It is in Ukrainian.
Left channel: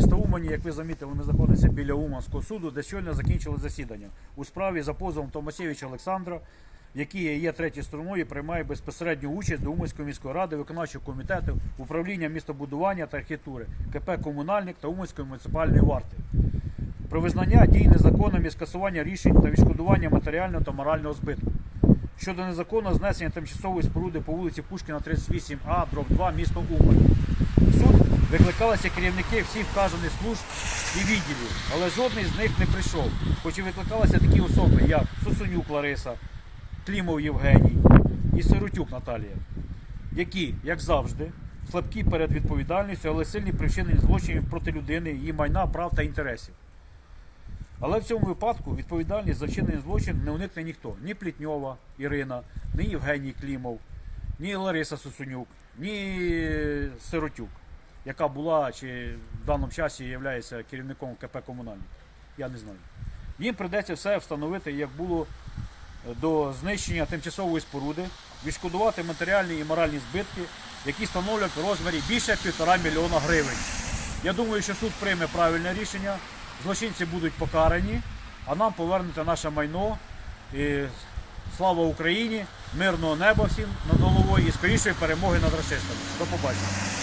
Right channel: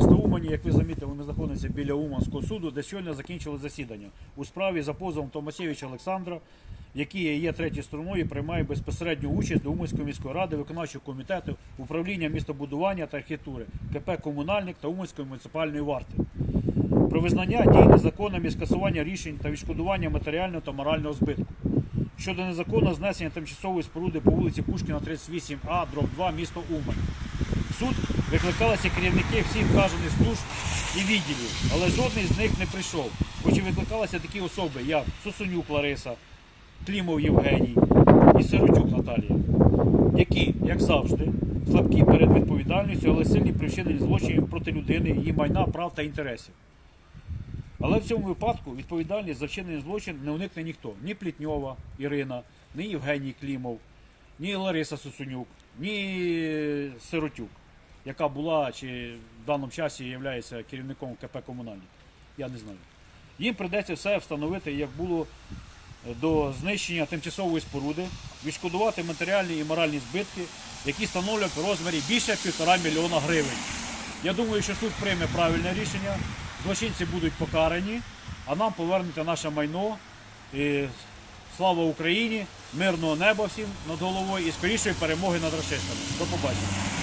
міста Умані, як ви замітили, ми знаходимося біля Уманського суду, де щойно закінчили засідання у справі за позовом Томасєвича Олександра, який є третьою стороною, приймає безпосередню участь до Уманської міської ради, виконавчого комітету, управління містобудування та архітектури, КП Комунальник та Уманської муніципальної варти. Про визнання дій незаконним і скасування рішень та відшкодування матеріального та морального збитку щодо незаконного знесення тимчасової споруди по вулиці Пушкіна 38А, дроб 2, місто Умань. Суд викликалися керівники всіх вказаних служб і відділів, але жодний з них не прийшов, хоч і викликалися такі особи, як Сусунюк Лариса, Клімов Євгеній і Сиротюк Наталія, які, як завжди, слабкі перед відповідальністю, але сильні причинені злочинів проти людини, її майна, прав та інтересів. Але в цьому випадку відповідальність за вчинений злочин не уникне ніхто. Ні Плітньова Ірина, ні Євгеній Клімов, ні Лариса Сусунюк, ні Сиротюк, яка була чи в даному часі є керівником КП Комунальник. Я не знаю. Їм прийдеться все встановити, як було до знищення тимчасової споруди, відшкодувати матеріальні і моральні збитки, які становлять в розмірі більше півтора мільйона гривень. Я думаю, що суд прийме правильне рішення, злочинці будуть покарані, а нам повернете наше майно. І слава Україні, мирного неба всім над головою і скорішої перемоги над расистами. До побачення.